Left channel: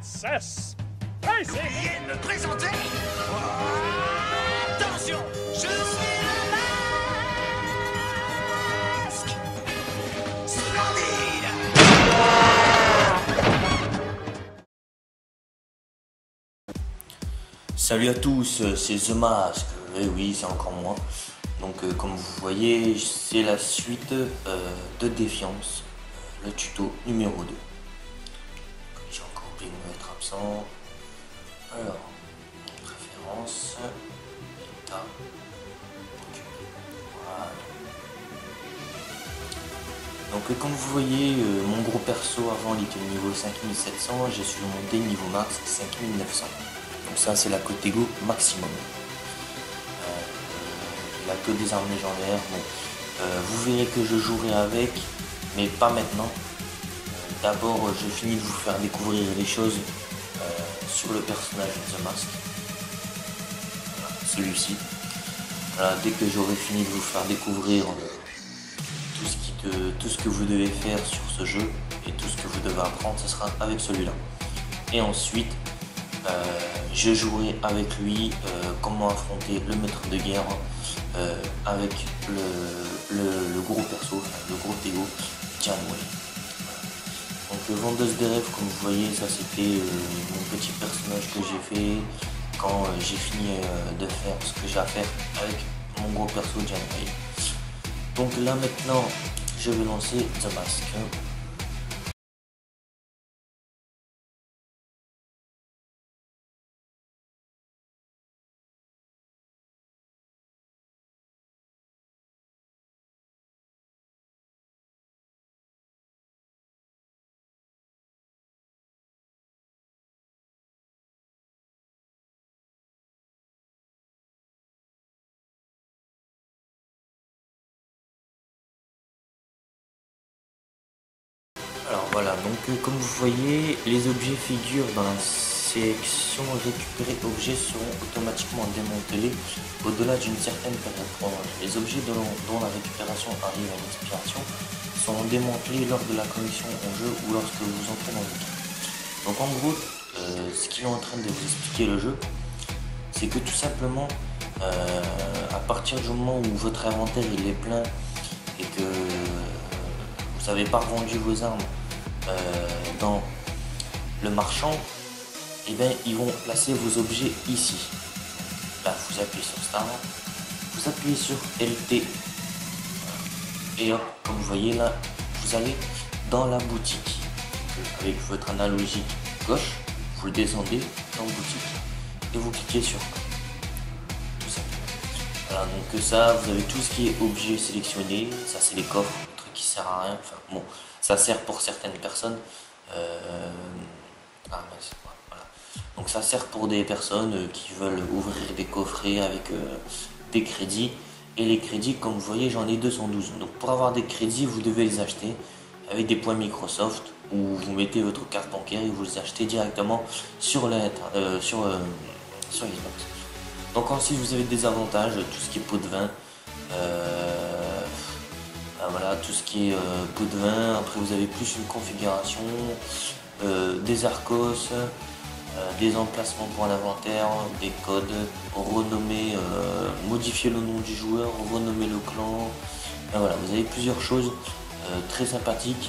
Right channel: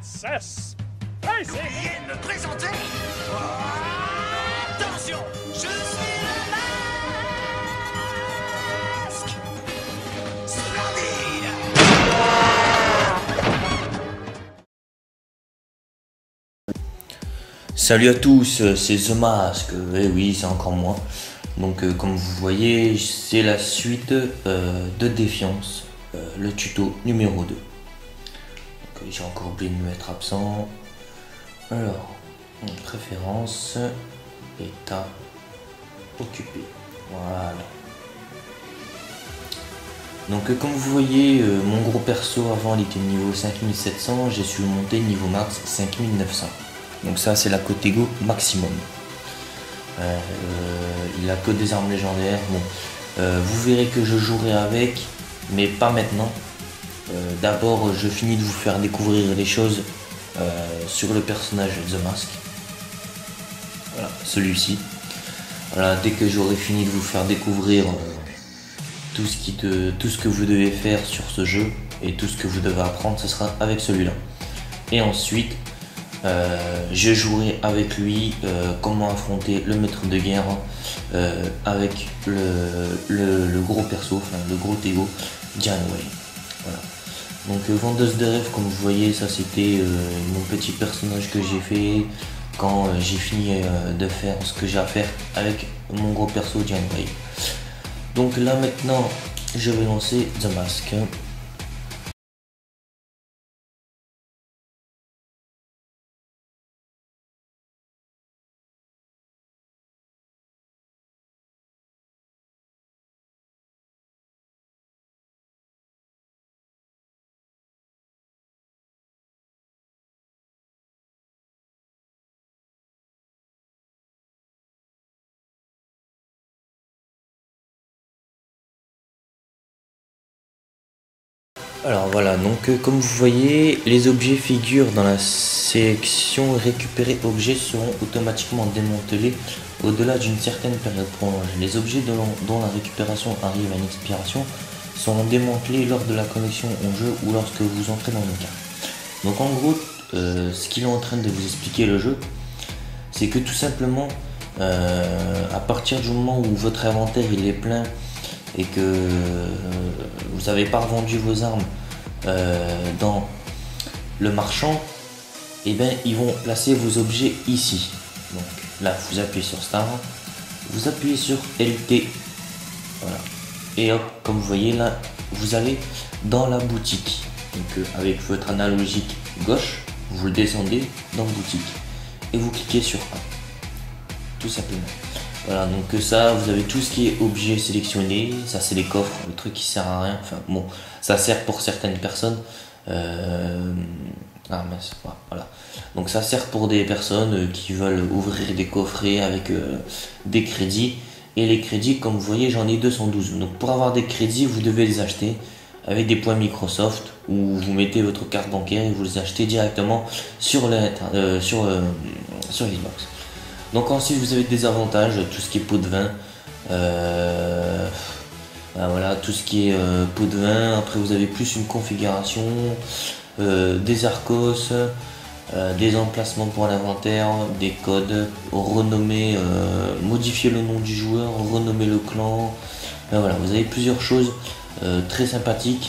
Princess Daisy. Veuillez me présenter. Oh, attention, je suis le masque. Splendide. Salut à tous, c'est The Mask, eh oui c'est encore moi. Donc comme vous voyez c'est la suite de Défiance, le tuto numéro 2. J'ai encore oublié de me mettre absent. Alors, préférence, état, occupé. Voilà. Donc comme vous voyez, mon gros perso avant il était niveau 5700, j'ai su monter niveau max 5900. Donc ça c'est la côté go maximum. Il n'y a que des armes légendaires, mais vous verrez que je jouerai avec, mais pas maintenant. D'abord je finis de vous faire découvrir des choses sur le personnage de The Mask. Voilà, celui-ci. Dès que j'aurai fini de vous faire découvrir tout ce que vous devez faire sur ce jeu et tout ce que vous devez apprendre, ce sera avec celui-là. Et ensuite je jouerai avec lui comment affronter le maître de guerre avec le gros perso, enfin le gros Tego Janeway. Voilà. Donc vendeuse de rêve, comme vous voyez, ça c'était mon petit personnage que j'ai fait quand j'ai fini de faire ce que j'ai à faire avec mon gros perso Janeway. Donc là maintenant je vais lancer The Mask. Alors voilà, donc comme vous voyez, les objets figurent dans la sélection récupérer objets seront automatiquement démantelés au-delà d'une certaine période. Bon, les objets dont la récupération arrive en expiration seront démantelés lors de la connexion au jeu ou lorsque vous entrez dans le jeu. Donc en gros, ce qu'il est en train de vous expliquer le jeu, c'est que tout simplement, à partir du moment où votre inventaire il est plein et que vous n'avez pas vendu vos armes dans le marchand, et bien ils vont placer vos objets ici. Donc, là vous appuyez sur Start, vous appuyez sur LP, voilà. Et hop, comme vous voyez là, vous allez dans la boutique. Donc avec votre analogique gauche, vous le descendez dans la boutique et vous cliquez sur tout simplement. Voilà, donc ça, vous avez tout ce qui est objet sélectionné, ça c'est les coffres, le truc qui sert à rien, enfin bon, ça sert pour certaines personnes, voilà. Donc ça sert pour des personnes qui veulent ouvrir des coffrets avec des crédits, et les crédits, comme vous voyez, j'en ai 212, donc pour avoir des crédits, vous devez les acheter avec des points Microsoft, où vous mettez votre carte bancaire et vous les achetez directement sur Xbox. Donc ensuite vous avez des avantages, tout ce qui est pot de vin, voilà, tout ce qui est pot de vin. Après vous avez plus une configuration, des arcos, des emplacements pour l'inventaire, des codes, renommer, modifier le nom du joueur, renommer le clan. Voilà, vous avez plusieurs choses très sympathiques.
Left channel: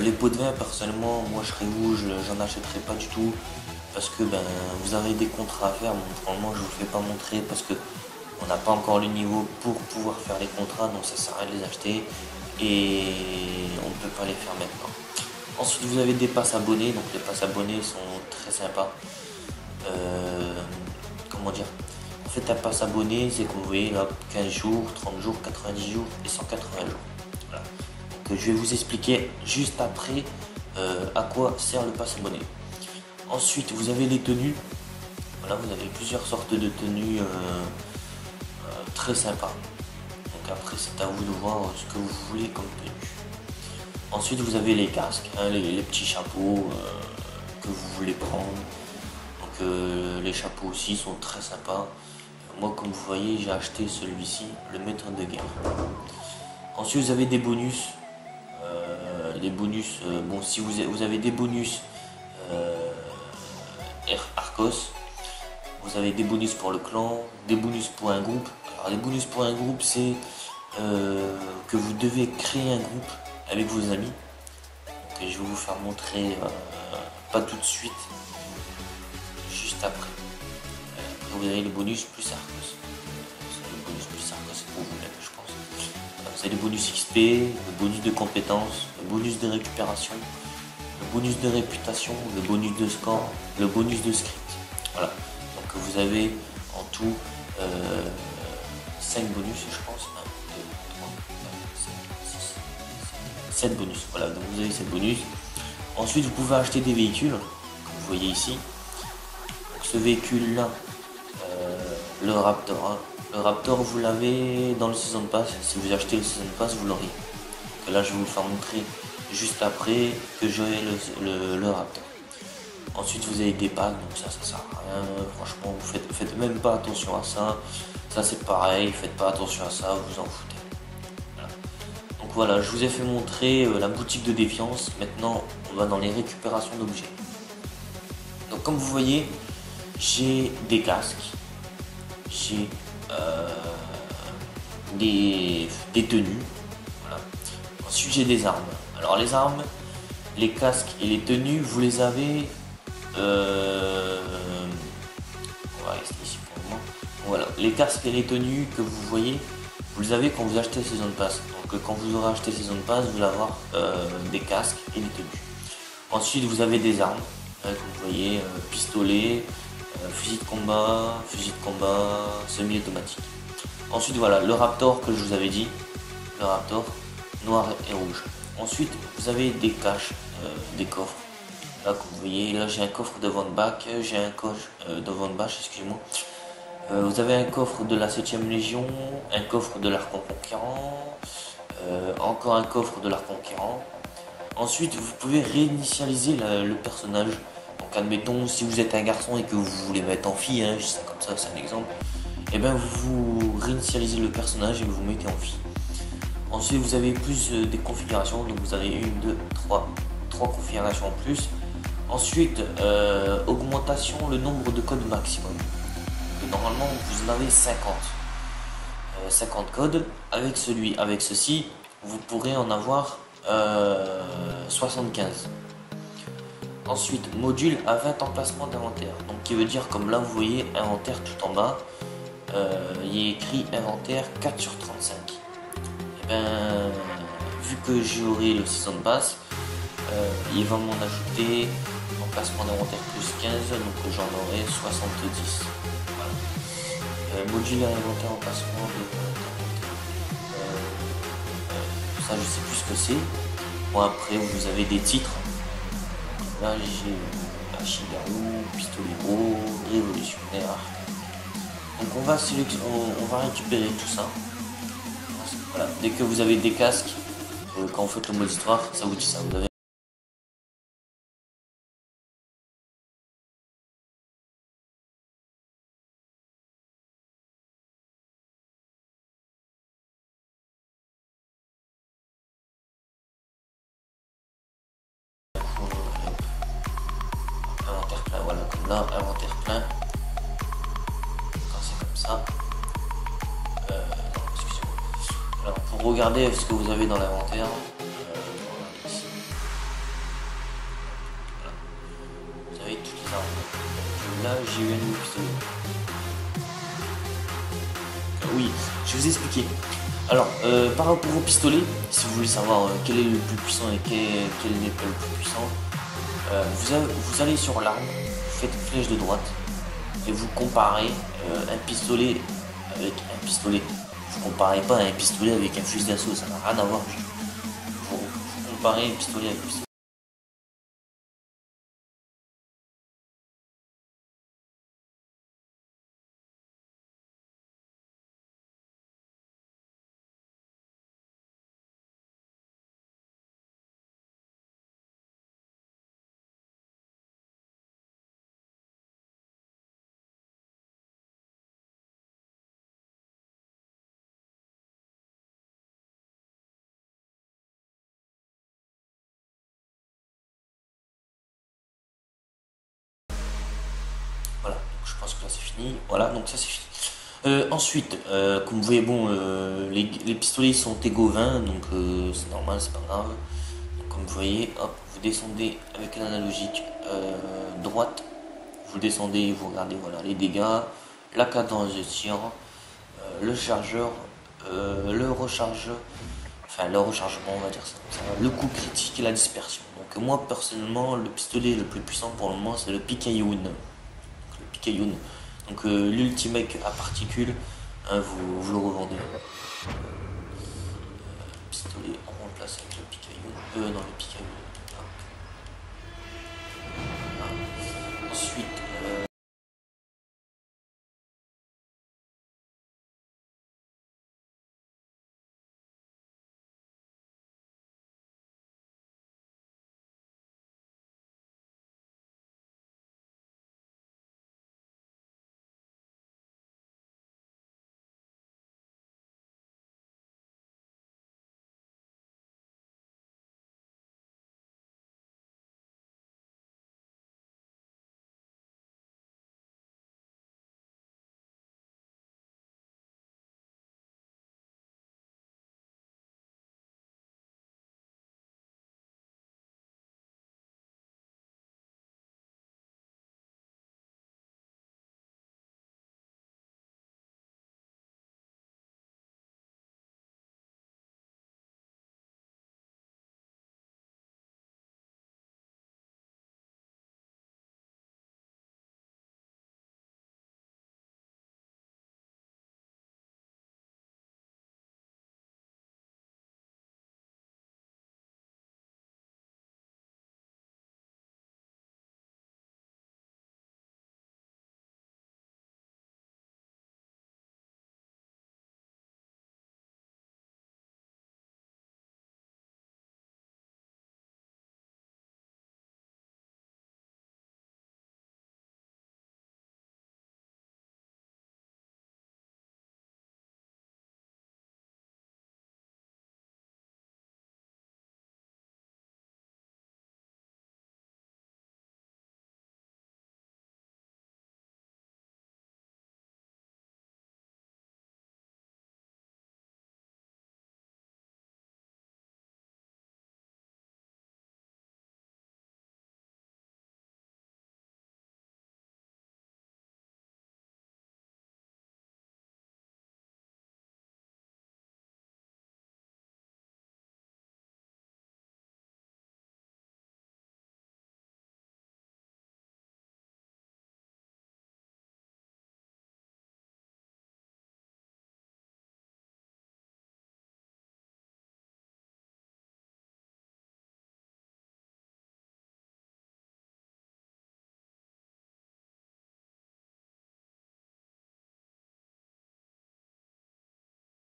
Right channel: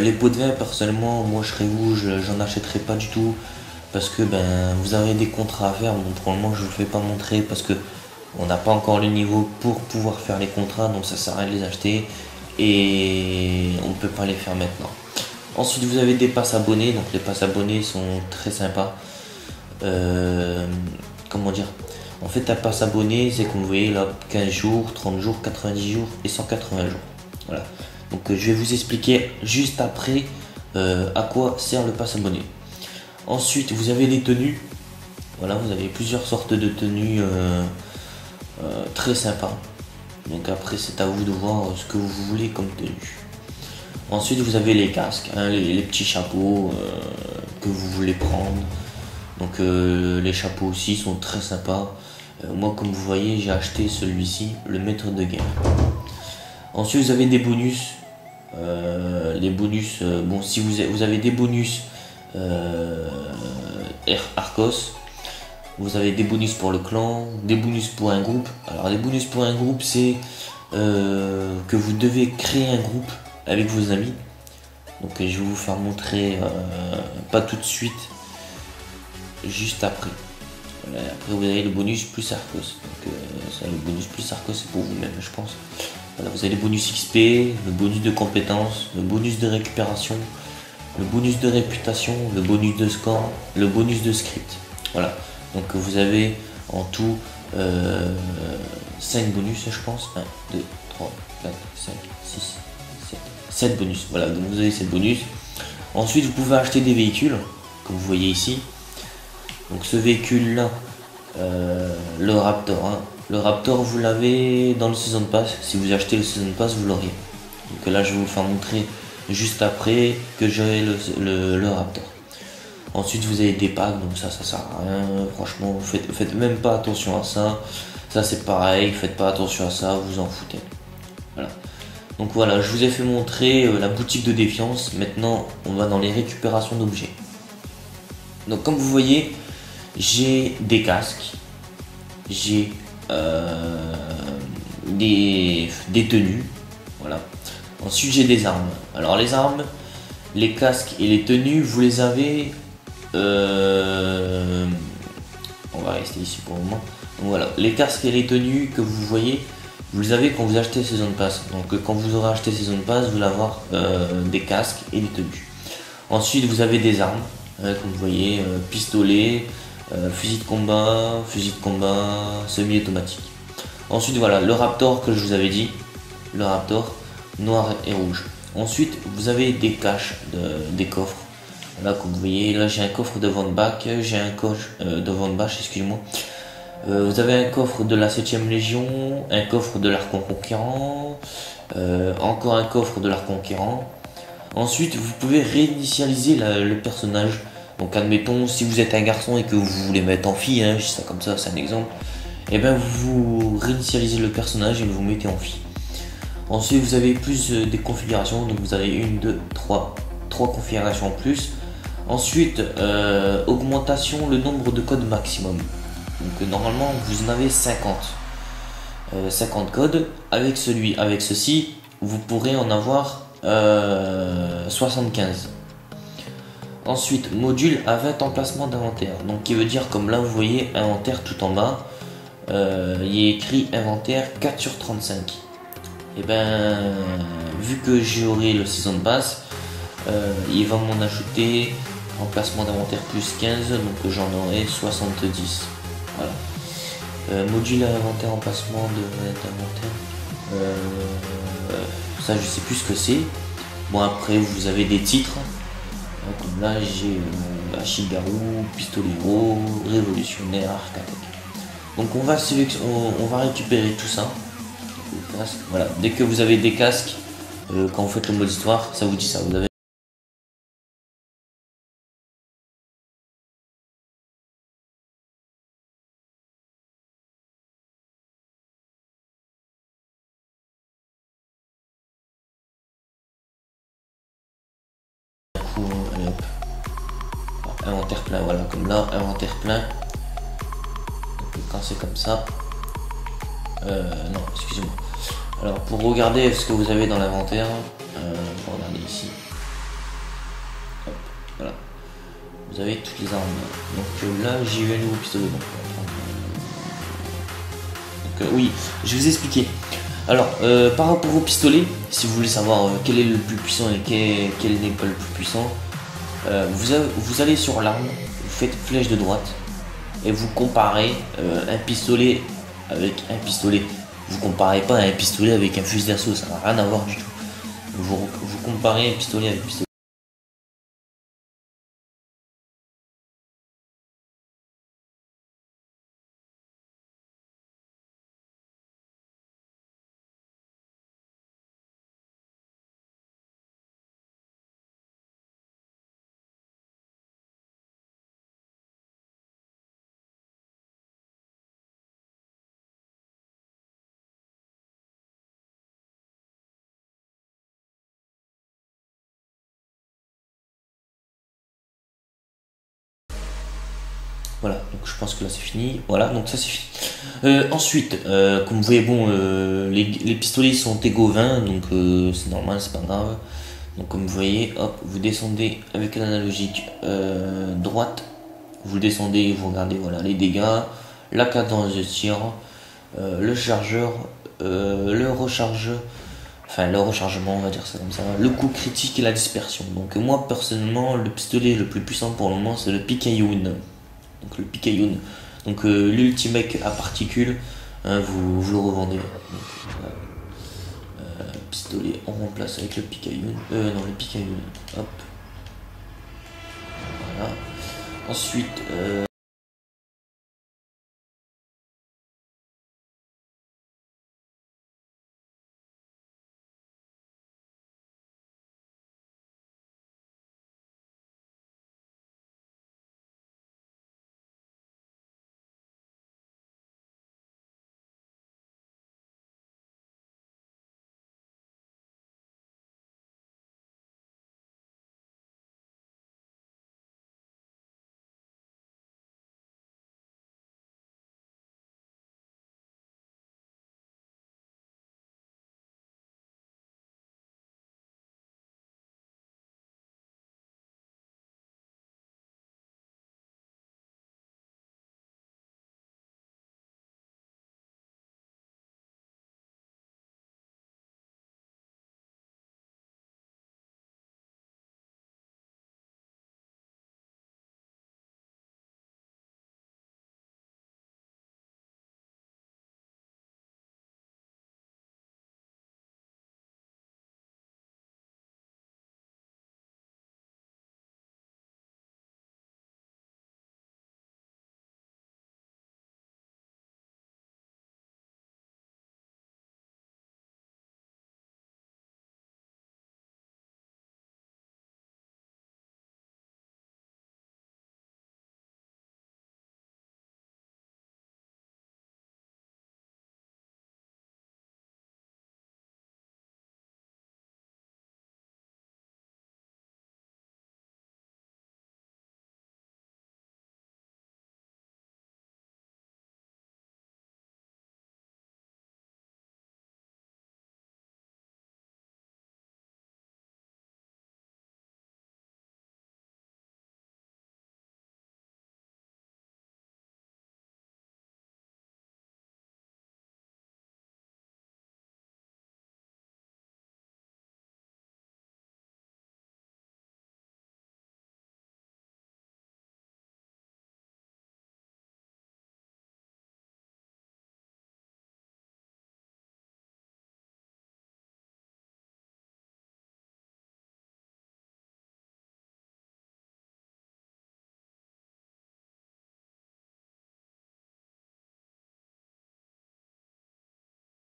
Les pots de vin, personnellement, moi je serais vous, j'en achèterai pas du tout. Parce que vous avez des contrats à faire, donc pour le moment je ne vous fais pas montrer parce que on n'a pas encore les niveaux pour pouvoir faire les contrats, donc ça sert à rien de les acheter et on ne peut pas les faire maintenant. Ensuite vous avez des passes abonnés, donc les passes abonnés sont très sympas. Comment dire, en fait la passe abonnée c'est comme vous voyez là, 15 jours, 30 jours, 90 jours et 180 jours. Voilà. Donc je vais vous expliquer juste après à quoi sert le passe abonné. Ensuite, vous avez des tenues. Voilà, vous avez plusieurs sortes de tenues très sympas. Donc après, c'est à vous de voir ce que vous voulez comme tenue. Ensuite, vous avez les casques, hein, les petits chapeaux que vous voulez prendre. Donc les chapeaux aussi sont très sympas. Moi, comme vous voyez, j'ai acheté celui-ci, le maître de guerre. Ensuite, vous avez des bonus. Les bonus, bon, si vous avez des bonus Arcos. Vous avez des bonus pour le clan, des bonus pour un groupe. Alors les bonus pour un groupe, c'est que vous devez créer un groupe avec vos amis. Donc je vais vous faire montrer, pas tout de suite, juste après. Après vous avez le bonus plus Arcos. Donc ça, le bonus plus Arcos c'est pour vous-même je pense. Voilà, vous avez le bonus XP, le bonus de compétences, le bonus de récupération, le bonus de réputation, le bonus de score, le bonus de script. Voilà. Donc vous avez en tout 5 bonus je pense. 1, 2, 3, 4, 5, 6, 7 bonus. Voilà, donc vous avez 7 bonus. Ensuite vous pouvez acheter des véhicules, comme vous voyez ici. Donc ce véhicule là, le Raptor. Hein. Le Raptor vous l'avez dans le Season Pass. Si vous achetez le Season Pass vous l'aurez. Donc là je vais vous faire montrer juste après que j'aurai le Raptor. Ensuite vous avez des packs, donc ça sert à rien, franchement, faites même pas attention à ça. Ça c'est pareil, faites pas attention à ça, vous en foutez. Voilà. Donc voilà, je vous ai fait montrer la boutique de défiance. Maintenant on va dans les récupérations d'objets. Donc comme vous voyez, j'ai des casques, j'ai des tenues, voilà. Ensuite j'ai des armes. Alors les armes, les casques et les tenues, vous les avez. On va rester ici pour le moment. Donc, voilà, les casques et les tenues que vous voyez, vous les avez quand vous achetez Season Pass. Donc quand vous aurez acheté Season Pass, vous allez avoir des casques et des tenues. Ensuite vous avez des armes, comme vous voyez, pistolet, fusil de combat, semi-automatique. Ensuite voilà, le Raptor que je vous avais dit, le Raptor noir et rouge. Ensuite vous avez des caches, des coffres. Là comme vous voyez, là j'ai un coffre de Von Bach, j'ai un coffre de Von Bach, excusez-moi. Vous avez un coffre de la 7ème Légion, un coffre de l'Archon Conquérant, encore un coffre de l'Archon Conquérant. Ensuite vous pouvez réinitialiser le personnage. Donc admettons si vous êtes un garçon et que vous voulez mettre en fille, hein, juste ça comme ça, c'est un exemple. Et bien vous réinitialisez le personnage et vous mettez en fille. Ensuite vous avez plus des configurations, donc vous avez 1, 2, 3 configurations en plus. Ensuite, augmentation le nombre de codes maximum. Donc, normalement, vous en avez 50. 50 codes. Avec ceci, vous pourrez en avoir 75. Ensuite, module à 20 emplacements d'inventaire. Donc, qui veut dire, comme là, vous voyez, inventaire tout en bas. Il est écrit inventaire 4 sur 35. Et ben, vu que j'aurai le Season Pass, il va m'en ajouter emplacement d'inventaire plus 15, donc j'en aurai 70. Voilà. Module à l'inventaire, emplacement d'inventaire. Ça je sais plus ce que c'est. Bon après vous avez des titres. Donc, là j'ai la Shibaru, pistolet gros, révolutionnaire. Donc on va récupérer tout ça. Voilà. Dès que vous avez des casques, quand vous faites le mode histoire, ça vous dit ça. Vous avez inventaire plein, voilà, comme là, inventaire plein. Et quand c'est comme ça, non, excusez-moi. Alors pour regarder ce que vous avez dans l'inventaire, regardez ici. Hop, voilà. Vous avez toutes les armes. Donc là, j'y vais une pistolet. Donc, oui, je vais vous expliquer. Alors, par rapport au pistolet, si vous voulez savoir quel est le plus puissant et quel est le plus puissant, vous allez sur l'arme, vous faites flèche de droite et vous comparez un pistolet avec un pistolet. Vous comparez pas un pistolet avec un fusil d'assaut, ça n'a rien à voir. Vous comparez un pistolet avec un pistolet. Voilà, donc je pense que là c'est fini. Voilà, donc ça c'est fini. Ensuite, comme vous voyez, bon, les pistolets sont égaux 20, donc c'est normal, c'est pas grave. Donc comme vous voyez, hop, vous descendez avec l'analogique droite, vous descendez, vous regardez voilà, les dégâts, la cadence de tir, le chargeur, le rechargeur, enfin le rechargement, on va dire ça comme ça, le coup critique et la dispersion. Donc moi personnellement, le pistolet le plus puissant pour le moment c'est le Picayune. Donc le Picayune. Donc l'ultimate à particules, hein, vous le revendez. Donc, pistolet on remplace avec le Picayune. Non, le Picayune. Hop. Voilà. Ensuite,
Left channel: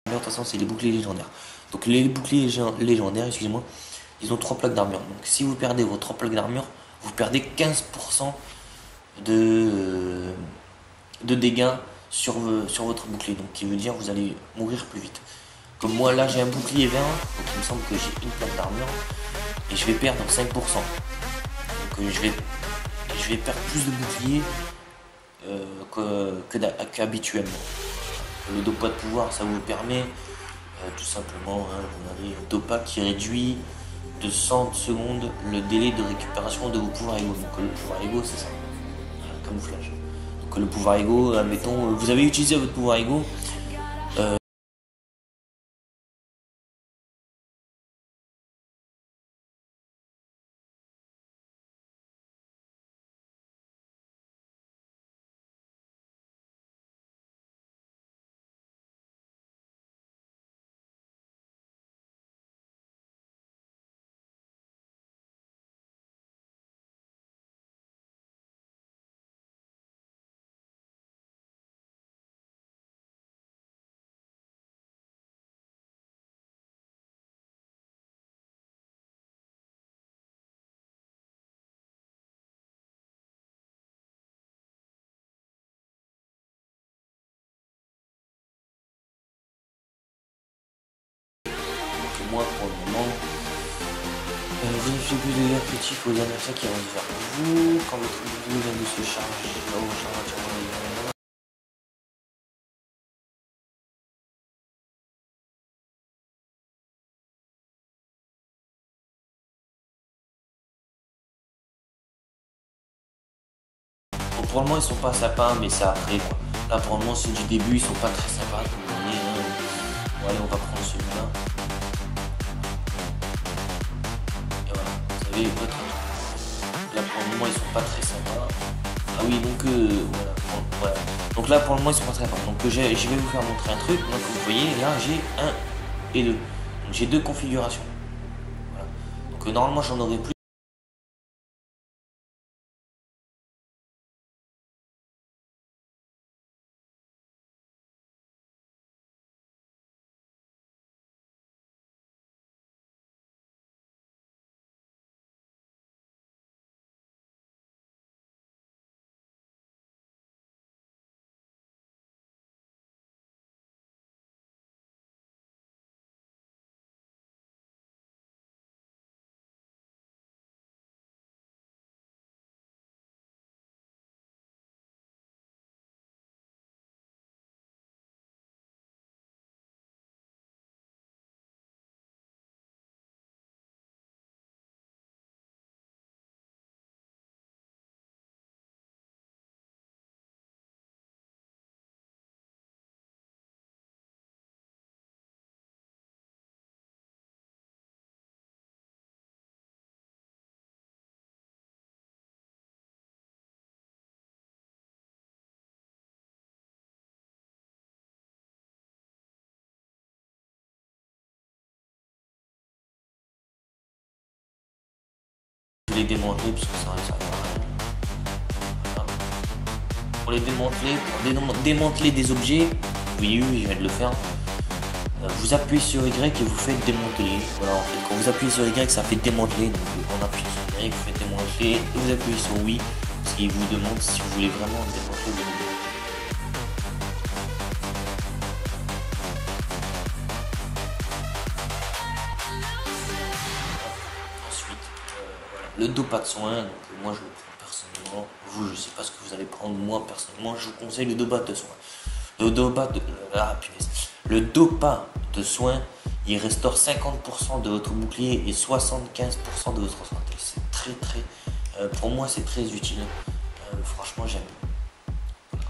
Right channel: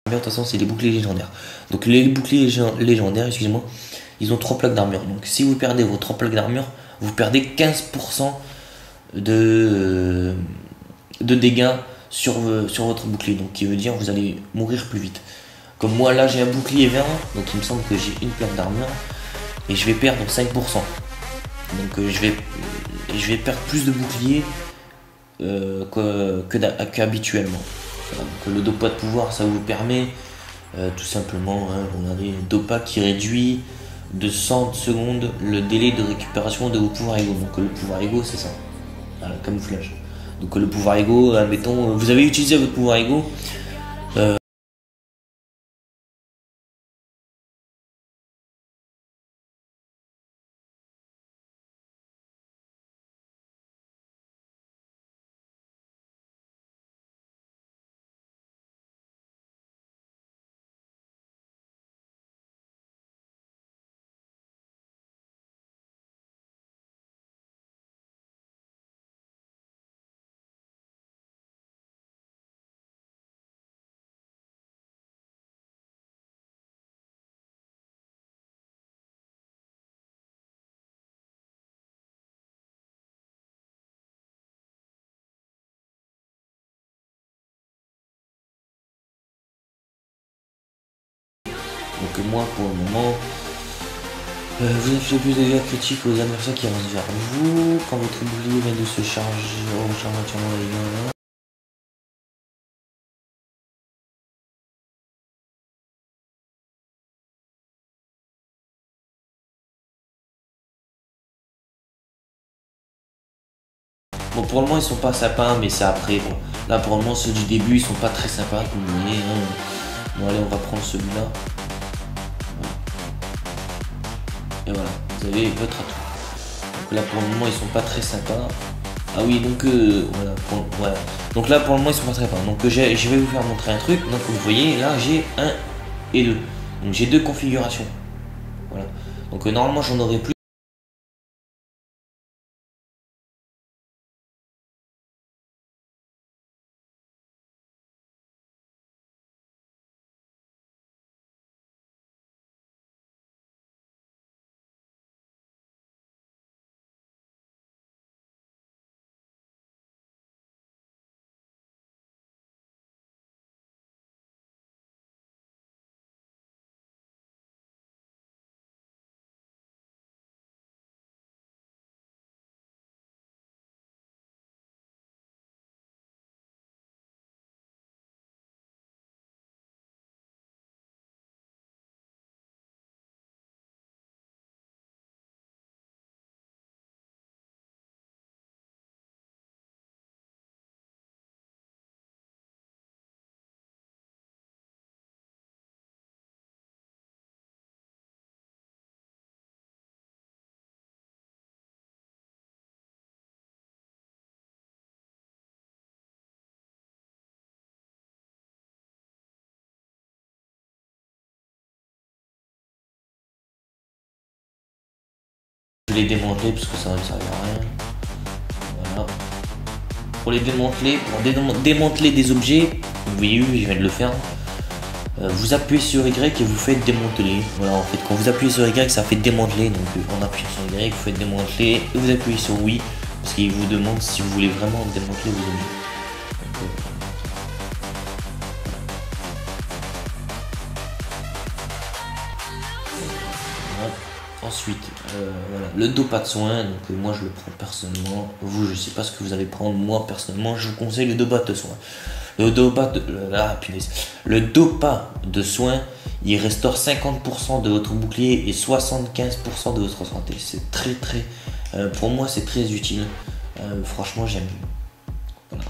de toute façon c'est les boucliers légendaires. Donc les boucliers légendaires, excusez-moi, ils ont 3 plaques d'armure. Donc si vous perdez vos 3 plaques d'armure, vous perdez 15% de dégâts sur votre bouclier. Donc qui veut dire que vous allez mourir plus vite. Comme moi là j'ai un bouclier vert, donc il me semble que j'ai une plaque d'armure et je vais perdre 5%. Donc je vais perdre plus de bouclier qu'habituellement. Donc, le dopa de pouvoir ça vous permet tout simplement, hein, vous avez une dopa qui réduit de 100 secondes le délai de récupération de vos pouvoirs égaux. Donc le pouvoir égaux c'est ça, voilà, camouflage. Donc le pouvoir égaux, admettons, vous avez utilisé votre pouvoir égaux, donc moi pour le moment Vous avez fait plus de dégâts critiques aux adversaires qui avancent vers vous. Quand votre boule vient de se charger automatiquement. Bon, pour le moment ils sont pas sympas, mais c'est après quoi. Là pour le moment ceux du début ils sont pas très sympas comme vous voyez. Bon allez, on va prendre celui-là. Et voilà, vous avez votre. Donc là pour le moment ils sont pas très sympas. Ah oui, donc voilà, voilà. Donc là pour le moment ils sont pas très sympas. Donc je vais vous faire montrer un truc. Donc vous voyez là j'ai 1 et 2. Donc j'ai 2 configurations. Voilà. Donc normalement j'en aurai plus. Je vais les démanteler parce que ça ne sert à rien. Voilà. Pour les démanteler, pour démanteler des objets, vous voyez, je viens de le faire. Vous appuyez sur Y et vous faites démanteler. Voilà, en fait, quand vous appuyez sur Y, ça fait démanteler. Donc, on appuie sur Y, vous faites démanteler et vous appuyez sur oui. Parce qu'il vous demande si vous voulez vraiment démanteler vos objets. Ensuite, le dopage de soin, donc moi je le prends personnellement. Vous, je sais pas ce que vous allez prendre. Moi personnellement, je vous conseille le dopage de soin. Le dopage de soin, il restaure 50% de votre bouclier et 75% de votre santé. C'est très pour moi c'est très utile. Franchement j'aime. Voilà.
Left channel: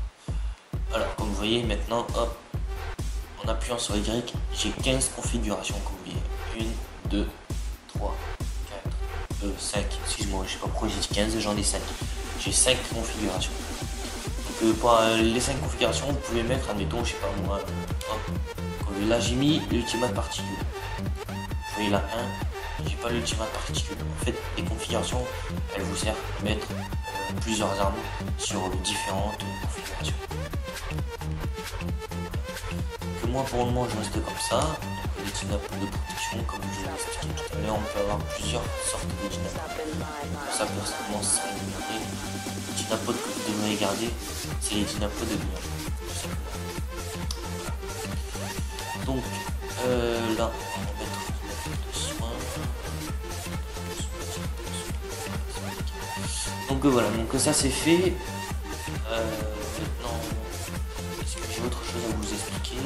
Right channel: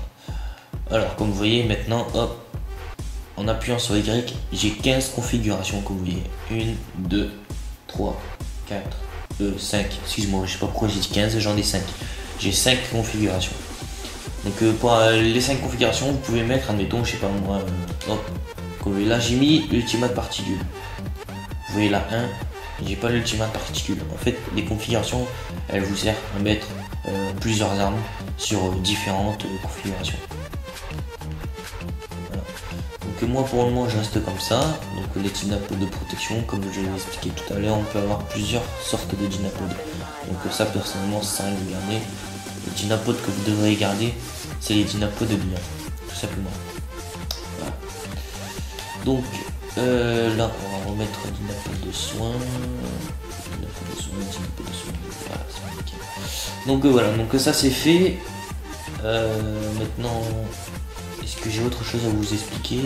Alors comme vous voyez maintenant, hop, en appuyant sur Y, j'ai 15 configurations comme vous voyez. 1, 2, 3, 4, 2, 5, excuse-moi, je sais pas pourquoi j'ai 15, j'en ai 5. J'ai 5 configurations. Donc pour les 5 configurations, vous pouvez mettre, admettons, je sais pas moi, là j'ai mis l'ultimate particule. Vous voyez là 1, j'ai pas l'ultimate particule. En fait, les configurations, elles vous servent à mettre plusieurs armes sur différentes configurations. Donc moi pour le moment je reste comme ça. Donc les dynapos de protection, comme je l'ai expliqué tout à l'heure, on peut avoir plusieurs sortes de dynapos. Donc pour ça personnellement ça me donne les dynapos que vous devriez garder, c'est les dynapos de lumière, tout simplement. Voilà. Donc là on va remettre le dynapos de soin. Donc voilà, donc ça c'est fait. Maintenant, est-ce que j'ai autre chose à vous expliquer?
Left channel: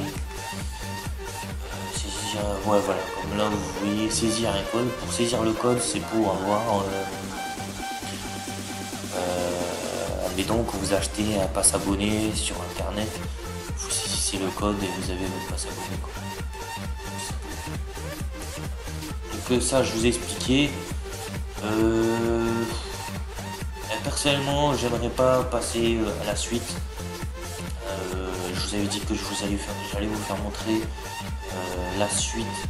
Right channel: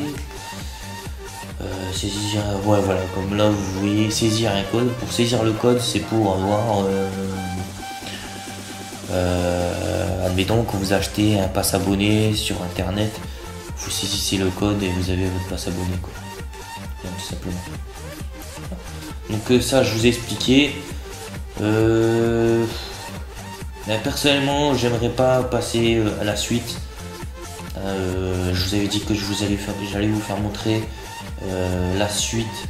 Saisir, ouais voilà, comme là vous voyez, saisir un code. Pour saisir le code, c'est pour avoir admettons que vous achetez un pass abonné sur internet, vous saisissez le code et vous avez votre pass abonné. Donc ça je vous ai expliqué. Personnellement j'aimerais pas passer à la suite. Je vous avais dit que j'allais vous faire montrer la suite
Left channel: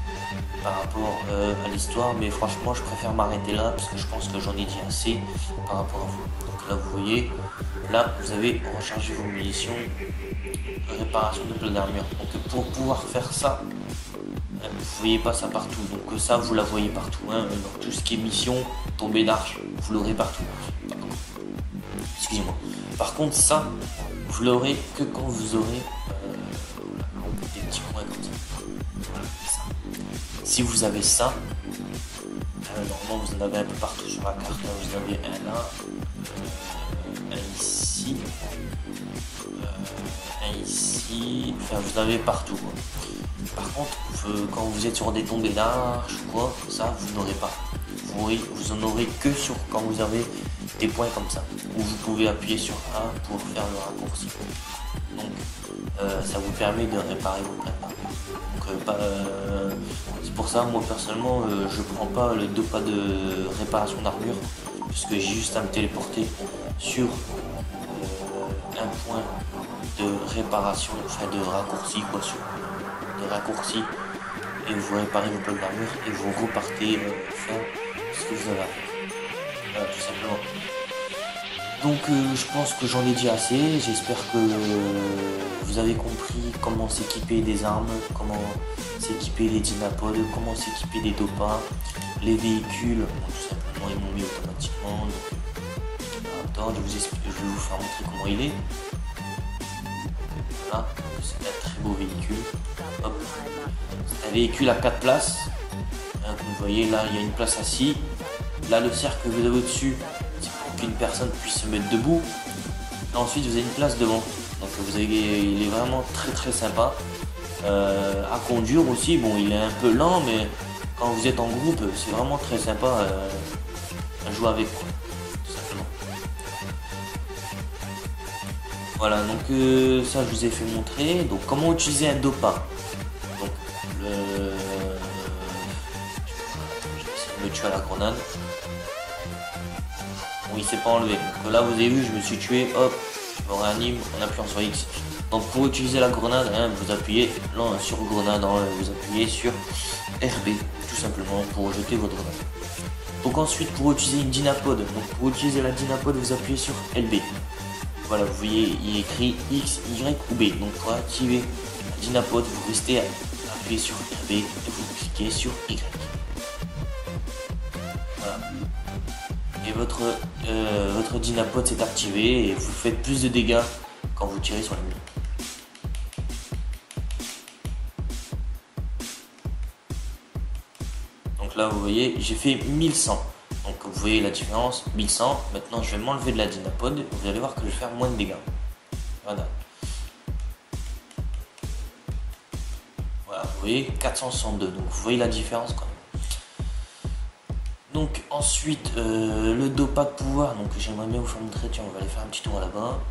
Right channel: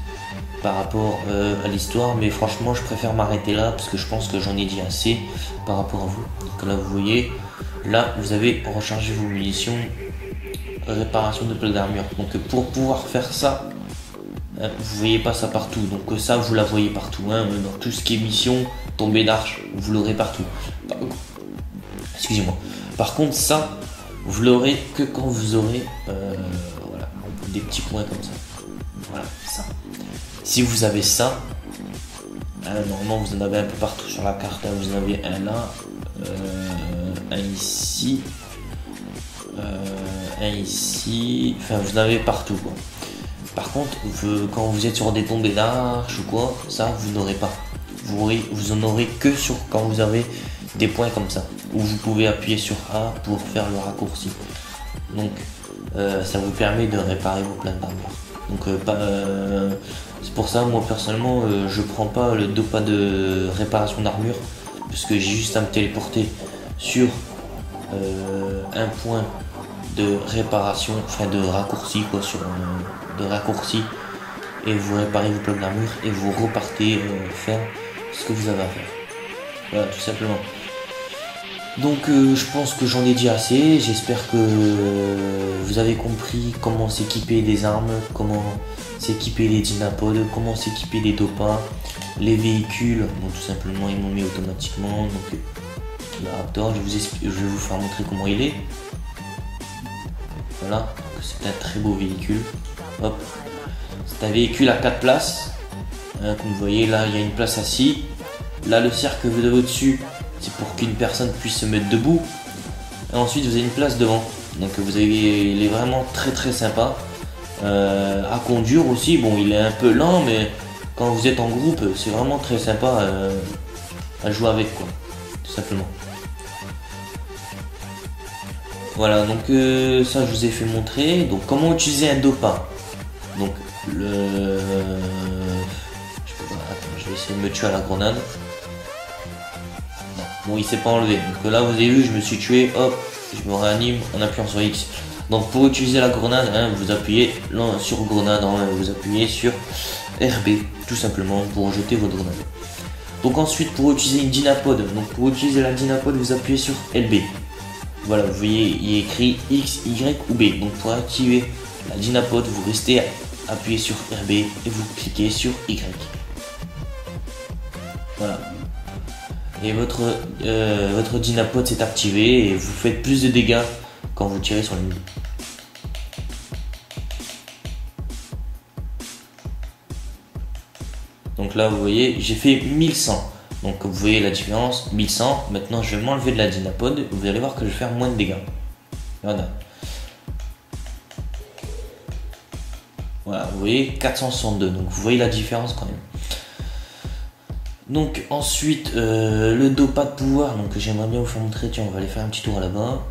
par rapport à l'histoire, mais franchement je préfère m'arrêter là parce que je pense que j'en ai dit assez par rapport à vous. Donc là vous voyez, là vous avez rechargé vos munitions, réparation de blocs d'armure. Donc pour pouvoir faire ça, vous voyez pas ça partout, donc ça vous la voyez partout, hein, tout ce qui est mission, tombée d'arche, vous l'aurez partout. Excusez-moi. Par contre ça, vous l'aurez que quand vous aurez des petits points comme ça. Voilà, ça. Si vous avez ça, Normalement vous en avez un peu partout sur la carte, vous en avez un là, un ici, un ici, enfin vous en avez partout quoi. Par contre, quand vous êtes sur des tombées d'arches ou quoi, ça vous n'aurez pas. Vous en aurez que sur quand vous avez des points comme ça, où vous pouvez appuyer sur A pour faire le raccourci. Donc ça vous permet de réparer vos plein. Donc c'est pour ça moi personnellement je prends pas le pas de réparation d'armure, parce que j'ai juste à me téléporter sur un point de réparation, enfin de raccourci quoi, sur des raccourcis, et vous réparez vos plein d'armure et vous repartez faire ce que vous avez à faire. Voilà, tout simplement. Donc je pense que j'en ai dit assez, j'espère que vous avez compris comment s'équiper les armes, comment s'équiper les dynapodes, comment s'équiper les dopas, les véhicules, donc tout simplement ils m'ont mis automatiquement, donc le Raptor, je vais vous faire montrer comment il est. Voilà, c'est un très beau véhicule. Hop. C'est un véhicule à 4 places, hein, comme vous voyez là il y a une place assise, là le cercle que vous avez au-dessus, c'est pour qu'une personne puisse se mettre debout. Et ensuite vous avez une place devant. Donc il est vraiment très sympa. À conduire aussi, bon il est un peu lent, mais quand vous êtes en groupe, c'est vraiment très sympa à jouer avec quoi, tout simplement. Voilà, donc ça je vous ai fait montrer. Donc comment utiliser un dopa. Donc je vais essayer de me tuer à la grenade. Bon, il s'est pas enlevé. Donc là, vous avez vu, je me suis tué, hop, je me réanime, on appuie sur X. Donc pour utiliser la grenade, hein, vous appuyez là, sur grenade, hein, vous appuyez sur RB, tout simplement, pour jeter vos grenades. Donc ensuite, pour utiliser une dynapode, donc pour utiliser la dynapode, vous appuyez sur LB. Voilà, vous voyez, il est écrit X, Y ou B. Donc pour activer la dynapode, vous restez appuyé sur RB et vous cliquez sur Y. Voilà. Et votre dynapode s'est activé et vous faites plus de dégâts quand vous tirez sur l'ennemi. Donc là vous voyez j'ai fait 1100, donc vous voyez la différence, 1100. Maintenant je vais m'enlever de la dynapode et vous allez voir que je vais faire moins de dégâts. Voilà. Voilà, vous voyez 462, donc vous voyez la différence quand même. Donc ensuite le dopa de pouvoir, donc j'aimerais bien vous faire montrer, tiens on va aller faire un petit tour là-bas.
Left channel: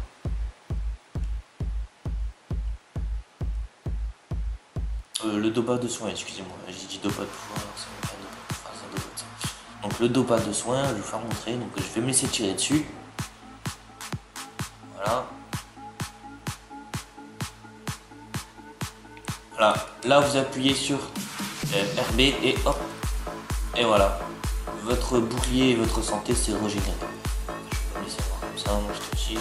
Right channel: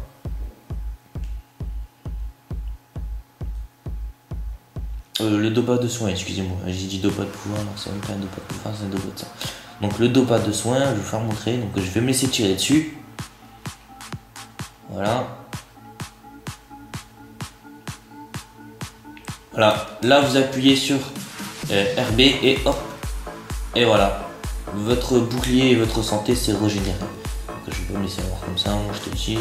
Le dopa de soin, excusez-moi, j'ai dit dopa de pouvoir, ça n'est pas un dopa de pouvoir, c'est un dopa de soin. Donc le dopa de soin, je vais vous faire montrer, donc je vais me laisser tirer dessus. Voilà. Voilà, là vous appuyez sur RB et hop, et voilà. Votre bouclier et votre santé c'est régénéré. Je vais me laisser voir comme ça, je te tire.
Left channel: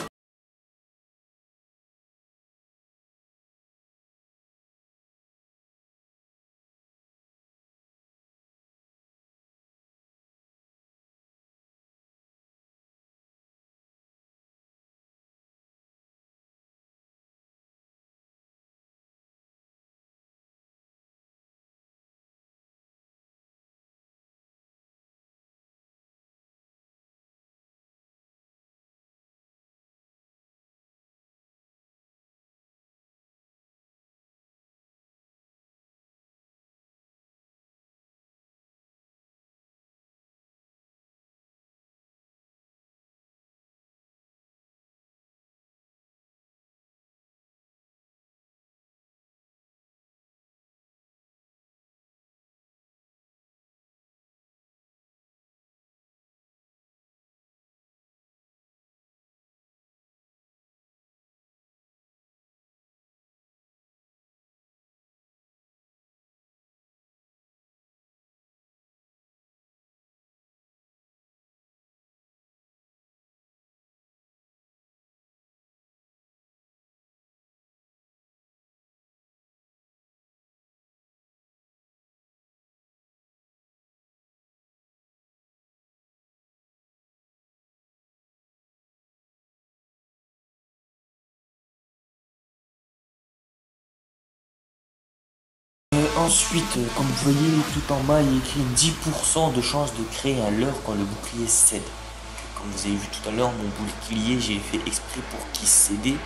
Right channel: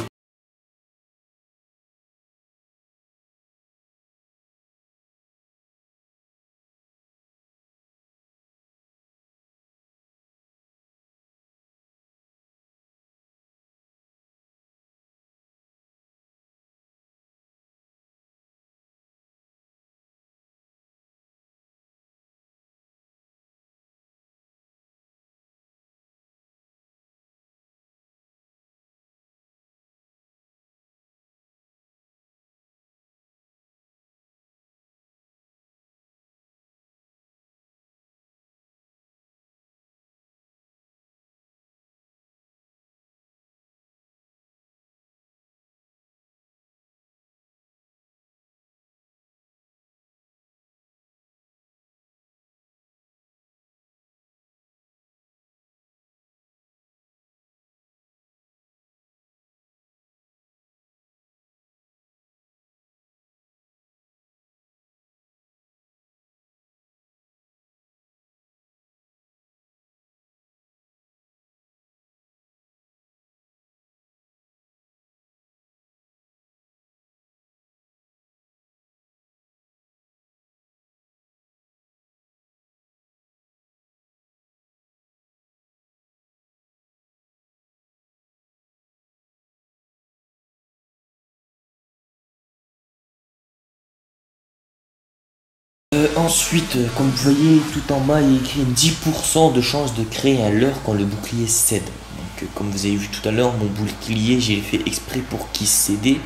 ensuite, comme vous voyez tout en bas, il est écrit 10% de chance de créer un leurre quand le bouclier cède. Donc, comme vous avez vu tout à l'heure, mon bouclier, j'ai fait exprès pour qu'il cède.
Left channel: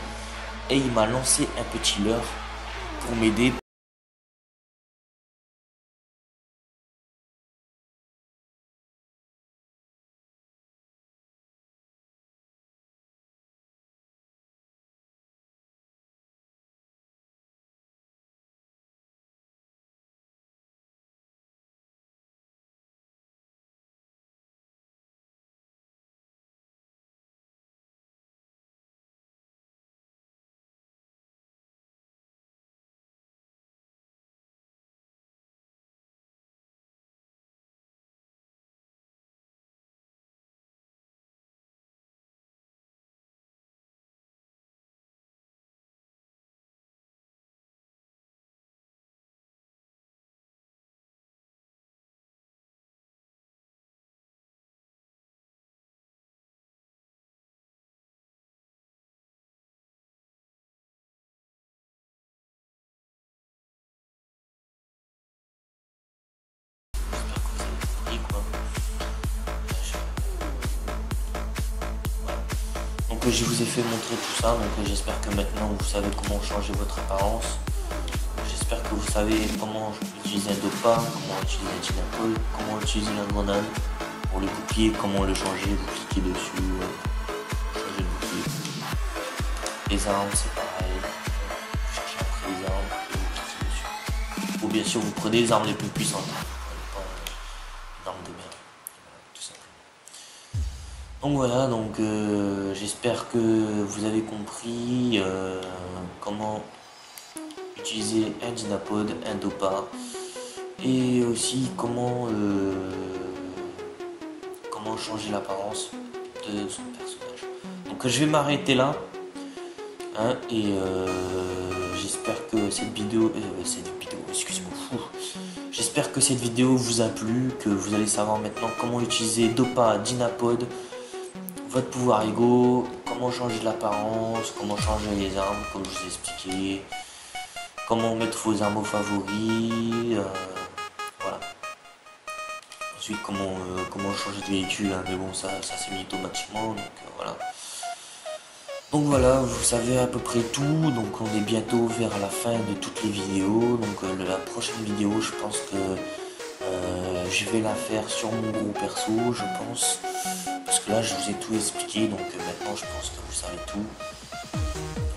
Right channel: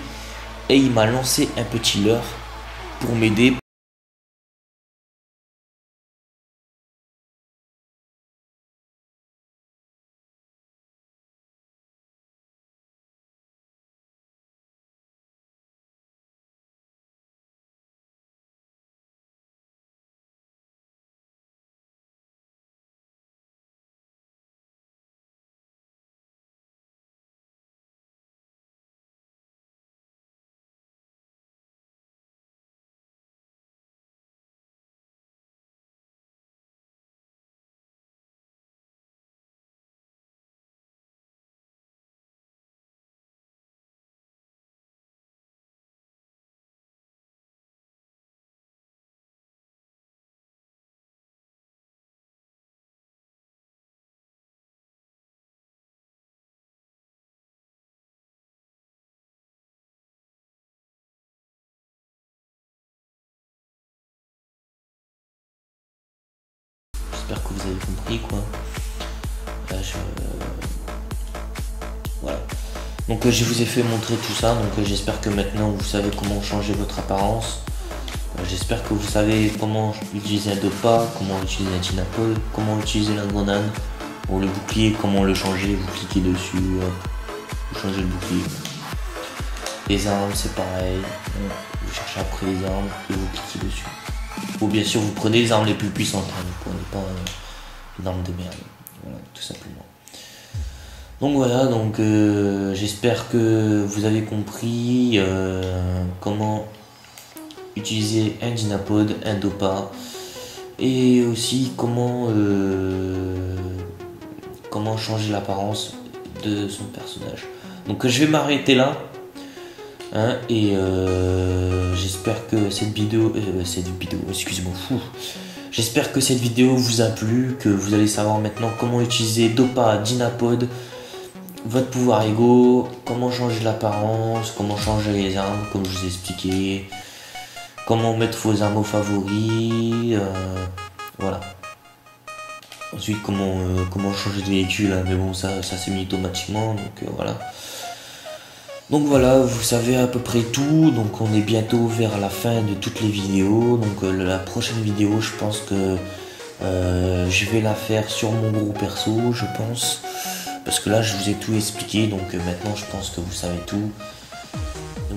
Et il m'a lancé un petit leurre pour m'aider. J'espère que vous avez compris quoi. Là, voilà. Donc je vous ai fait montrer tout ça, donc j'espère que maintenant vous savez comment changer votre apparence. J'espère que vous savez comment utiliser un Dopa, comment utiliser un Dynapol, comment utiliser la grenade pour le bouclier, comment le changer, vous cliquez dessus, vous changez le bouclier. Les armes c'est pareil, vous cherchez après les armes et vous cliquez dessus. Ou bien sûr vous prenez les armes les plus puissantes, hein, vous prenez pas l'arme de merde, tout simplement. Donc voilà, donc j'espère que vous avez compris comment utiliser un Dynapod, un Dopa et aussi comment changer l'apparence de son personnage. Donc je vais m'arrêter là hein, et j'espère que cette vidéo, excusez-moi, j'espère que cette vidéo vous a plu, que vous allez savoir maintenant comment utiliser Dopa, Dynapod, votre pouvoir ego, comment changer l'apparence, comment changer les armes, comme je vous ai expliqué, comment mettre vos armes favoris, voilà. Ensuite comment changer de véhicule, mais bon ça c'est mis automatiquement, donc voilà. Donc voilà, vous savez à peu près tout, donc on est bientôt vers la fin de toutes les vidéos, donc la prochaine vidéo je pense que je vais la faire sur mon gros perso, je pense, parce que là je vous ai tout expliqué, donc maintenant je pense que vous savez tout.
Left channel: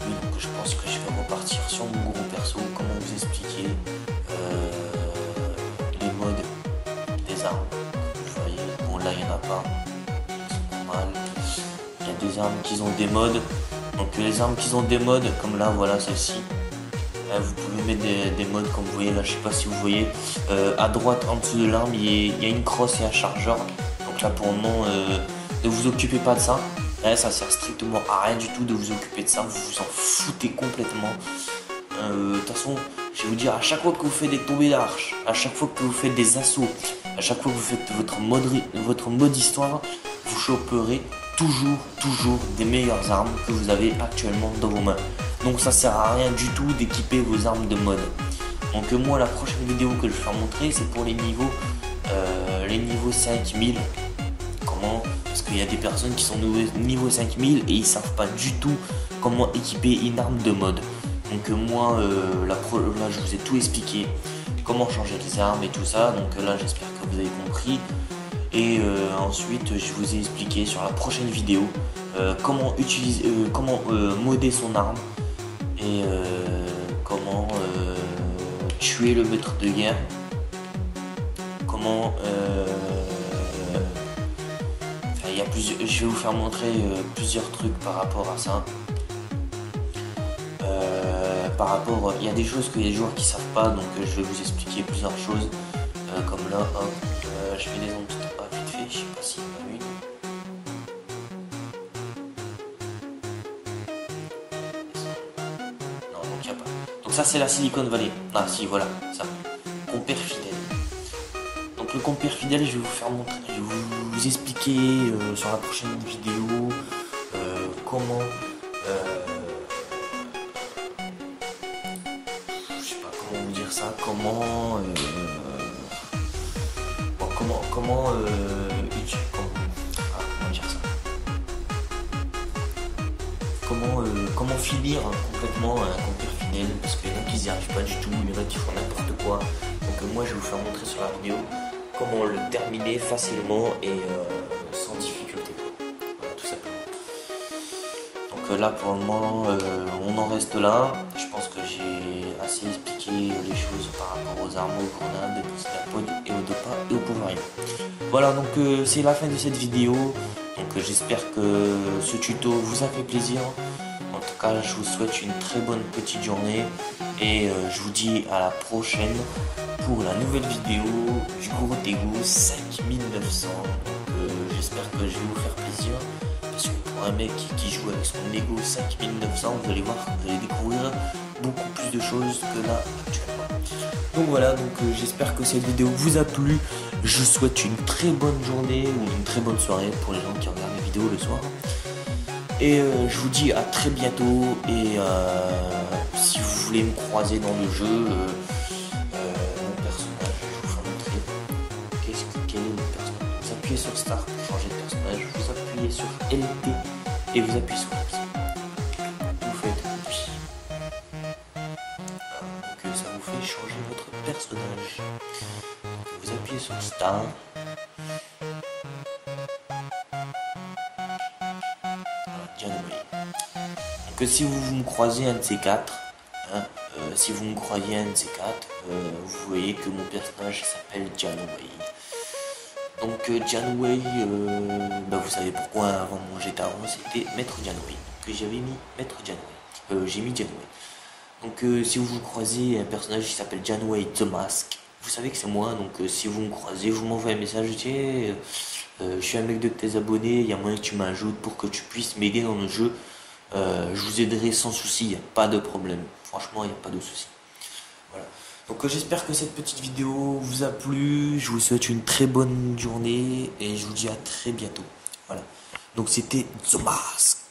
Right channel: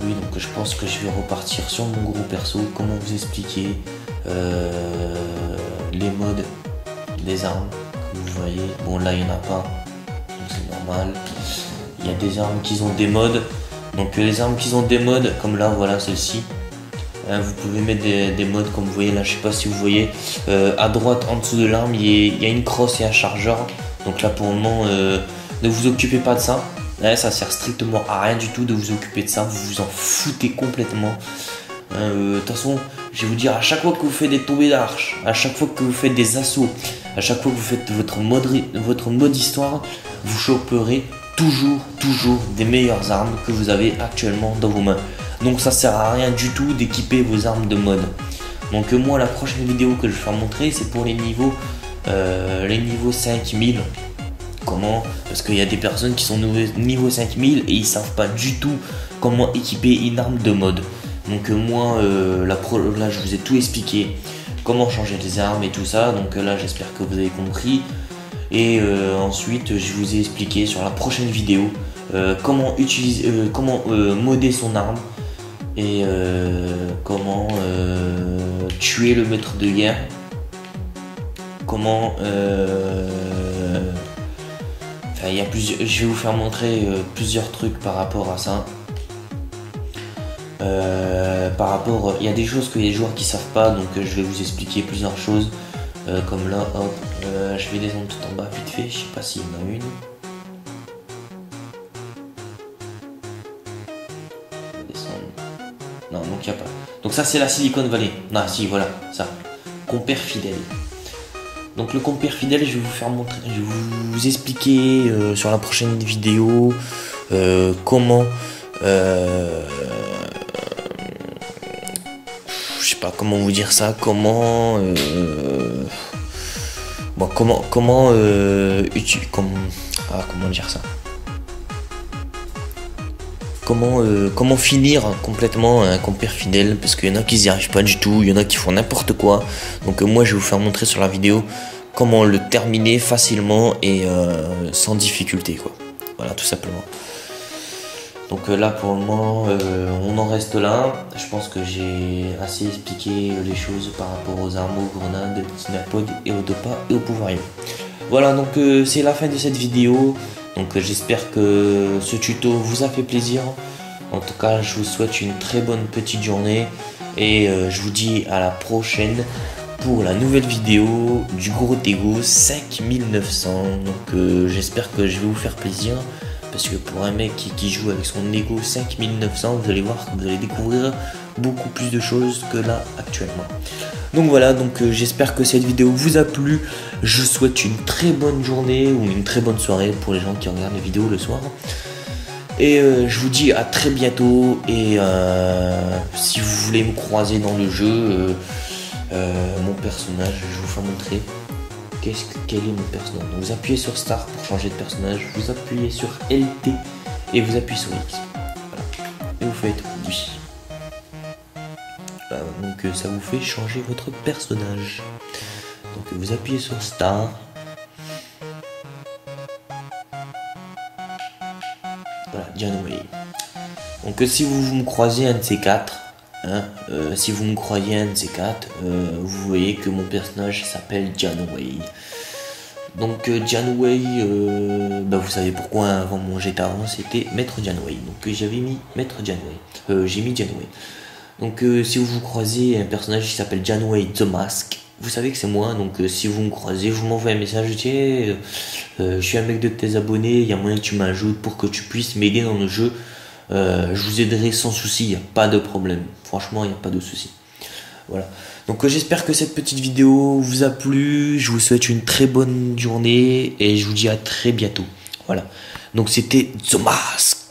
Oui, donc je pense que je vais repartir sur mon gros perso, comment vous expliquer les modes des armes, vous voyez, bon là il n'y en a pas, c'est normal, il y a des armes qui ont des modes. Donc les armes qui ont des modes, comme là, voilà celle-ci, vous pouvez mettre des modes comme vous voyez là, je sais pas si vous voyez, à droite en dessous de l'arme il y a une crosse et un chargeur, donc là pour le moment ne vous occupez pas de ça, là ça sert strictement à rien du tout de vous occuper de ça, vous vous en foutez complètement. De toute façon je vais vous dire, à chaque fois que vous faites des tombées d'arche, à chaque fois que vous faites des assauts, à chaque fois que vous faites votre mode histoire, vous choperez toujours des meilleures armes que vous avez actuellement dans vos mains. Donc ça sert à rien du tout d'équiper vos armes de mode. Donc moi la prochaine vidéo que je vais montrer c'est pour les niveaux 5000. Comment? Parce qu'il y a des personnes qui sont niveau 5000 et ils savent pas du tout comment équiper une arme de mode. Donc moi là je vous ai tout expliqué, comment changer les armes et tout ça, donc là j'espère que vous avez compris. Et ensuite je vous ai expliqué sur la prochaine vidéo comment utiliser, comment modder son arme et comment tuer le maître de guerre, comment enfin, il y a plusieurs, je vais vous faire montrer plusieurs trucs par rapport à ça. Il y a des choses que les joueurs qui savent pas, donc je vais vous expliquer plusieurs choses comme là, je vais les montrer en bas vite fait, je sais pas s'il y en a une. Non, donc il n'y a pas. Donc ça c'est la Silicon Valley. Non, si voilà, ça. Compère fidèle. Donc le compère fidèle, je vais vous faire montrer, je vais vous expliquer sur la prochaine vidéo comment je sais pas comment vous dire ça, comment comment dire ça, comment finir complètement un compère fidèle, parce qu'il y en a qui n'y arrivent pas du tout, il y en a qui font n'importe quoi. Donc moi je vais vous faire montrer sur la vidéo comment le terminer facilement et sans difficulté, quoi. Voilà, tout simplement. Donc là pour le moment on en reste là. Je pense que j'ai assez expliqué les choses par rapport aux armes, aux grenades, aux petits merpodes et aux dopins et aux pouvoirs. Voilà, donc c'est la fin de cette vidéo. Donc j'espère que ce tuto vous a fait plaisir. En tout cas, je vous souhaite une très bonne petite journée et je vous dis à la prochaine pour la nouvelle vidéo du gros Lego 5900. Donc j'espère que je vais vous faire plaisir, parce que pour un mec qui joue avec son Lego 5900, vous allez voir que vous allez découvrir beaucoup plus de choses que là actuellement. Donc voilà, donc j'espère que cette vidéo vous a plu. Je vous souhaite une très bonne journée ou une très bonne soirée pour les gens qui regardent la vidéo le soir. Et je vous dis à très bientôt. Et si vous voulez me croiser dans le jeu, mon personnage, je vous fais montrer. Quel est mon personnage? Vous appuyez sur Start pour changer de personnage. Vous appuyez sur LT et vous appuyez sur X. Vous faites lui. Donc ça vous fait changer votre personnage. Donc vous appuyez sur Start. Donc si vous me croisez un de ces quatre, si vous me croyez un de ces quatre, vous voyez que mon personnage s'appelle Janway. Donc Janway, vous savez pourquoi avant mon GTA avant c'était Maître Janway. Donc j'avais mis Maître Janway. J'ai mis Janway. Donc si vous croisez un personnage qui s'appelle Janway The Mask, vous savez que c'est moi. Donc si vous me croisez, vous m'envoyez un message, tiens, je suis un mec de tes abonnés, il y a moyen que tu m'ajoutes pour que tu puisses m'aider dans le jeu. Je vous aiderai sans souci, il n'y a pas de problème. Franchement, il n'y a pas de souci. Voilà. Donc j'espère que cette petite vidéo vous a plu. Je vous souhaite une très bonne journée et je vous dis à très bientôt. Voilà. Donc c'était The Mask.